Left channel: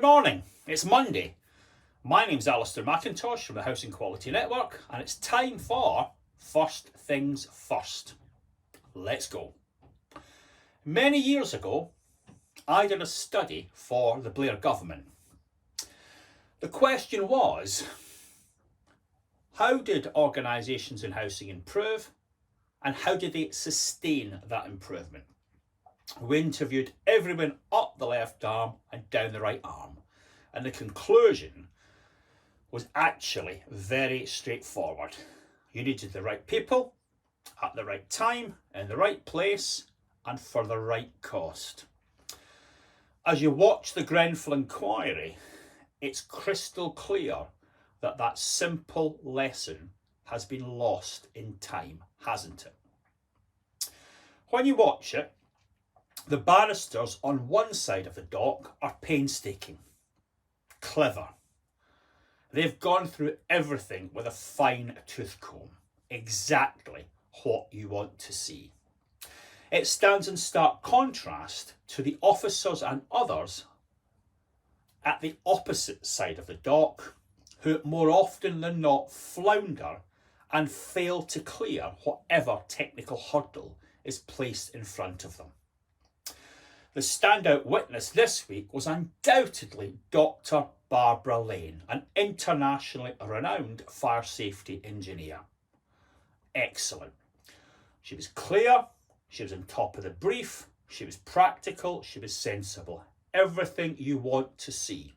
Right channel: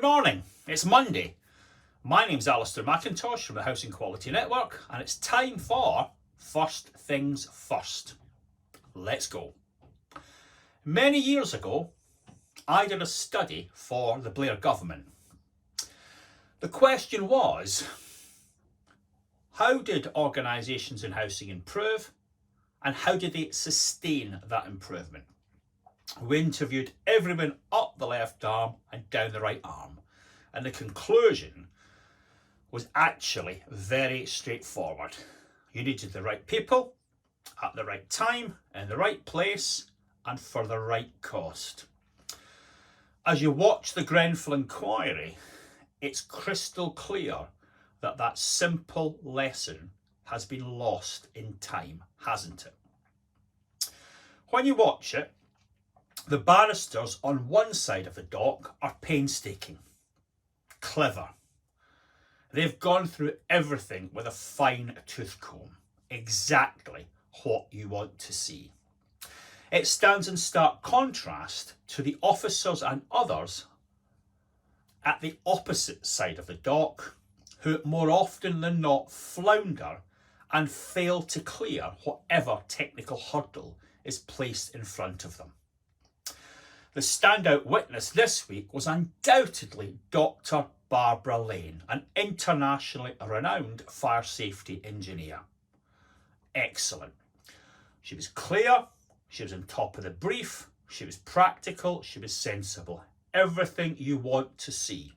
Good morning, it's Monday. My name's Alistair McIntosh from the Housing Quality Network, and it's time for First Things First. Let's go. Many years ago, I did a study for the Blair government. The question was, how did organisations in housing improve, and how did they sustain that improvement? We interviewed everyone up the left arm and down the right arm, and the conclusion was actually very straightforward. You needed the right people at the right time, in the right place, and for the right cost. As you watch the Grenfell inquiry, it's crystal clear that that simple lesson has been lost in time, hasn't it? When you watch it, the barristers on one side of the dock are painstaking, clever. They've gone through everything with a fine tooth comb, exactly what you want to see. It stands in stark contrast to the officers and others at the opposite side of the dock, who more often than not flounder and fail to clear whatever technical hurdle is placed in front of them. The standout witness this week was undoubtedly Dr. Barbara Lane, an internationally renowned fire safety engineer. Excellent. She was clear, she was on top of the brief, she was practical, she was sensible. Everything you want to see.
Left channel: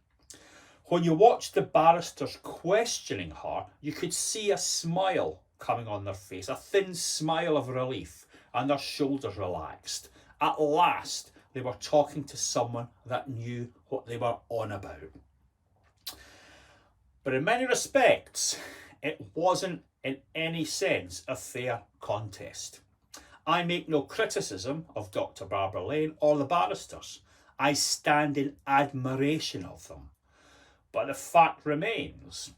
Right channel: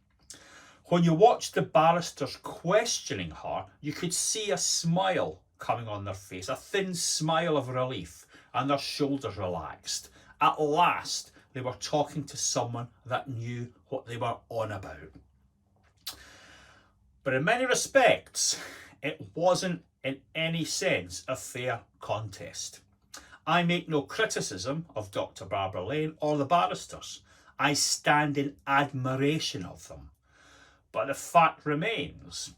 When you watched the barristers questioning her, you could see a smile coming on their face, a thin smile of relief, and their shoulders relaxed. At last, they were talking to someone that knew what they were on about. But in many respects, it wasn't in any sense a fair contest. I make no criticism of Dr. Barbara Lane or the barristers. I stand in admiration of them. But the fact remains,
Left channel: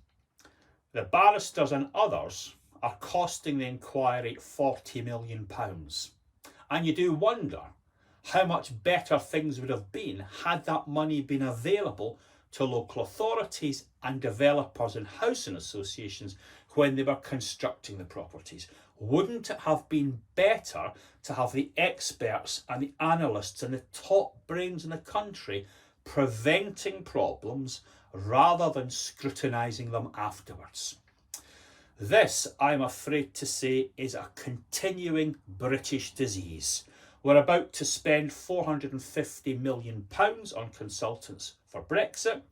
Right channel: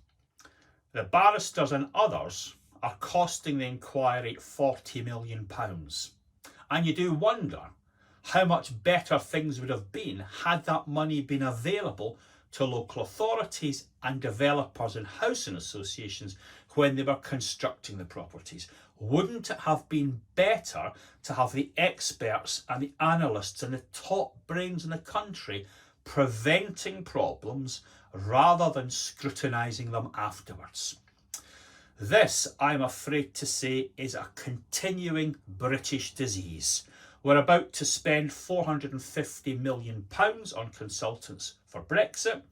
the barristers and others are costing the inquiry £40 million. And you do wonder how much better things would have been had that money been available to local authorities and developers and housing associations when they were constructing the properties. Wouldn't it have been better to have the experts and the analysts and the top brains in the country preventing problems rather than scrutinising them afterwards? This, I'm afraid to say, is a continuing British disease. We're about to spend £450 million on consultants for Brexit,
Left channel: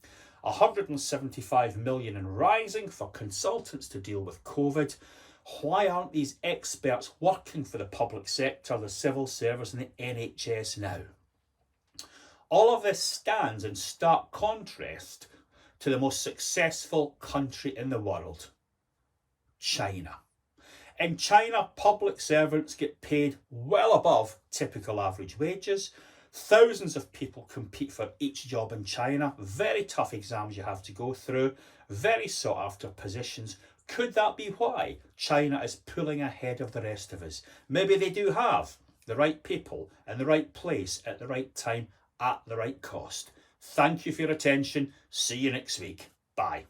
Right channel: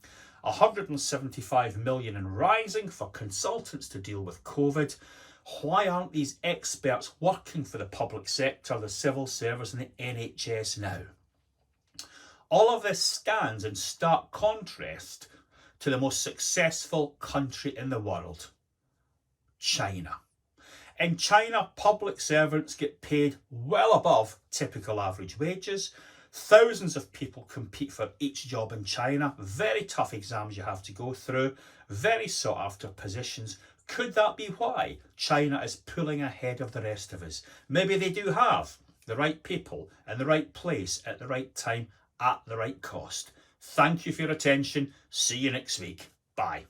£175 million and rising for consultants to deal with COVID. Why aren't these experts working for the public sector, the civil service and the NHS now? All of this stands in stark contrast to the most successful country in the world, China. In China, public servants get paid well above typical average wages. Thousands of people compete for each job in China. Very tough exams you have to go through. Very sought after positions. Could that be why China is pulling ahead of the rest of us? Maybe they do have the right people in the right place at the right time at the right cost. Thank you for your attention. See you next week. Bye.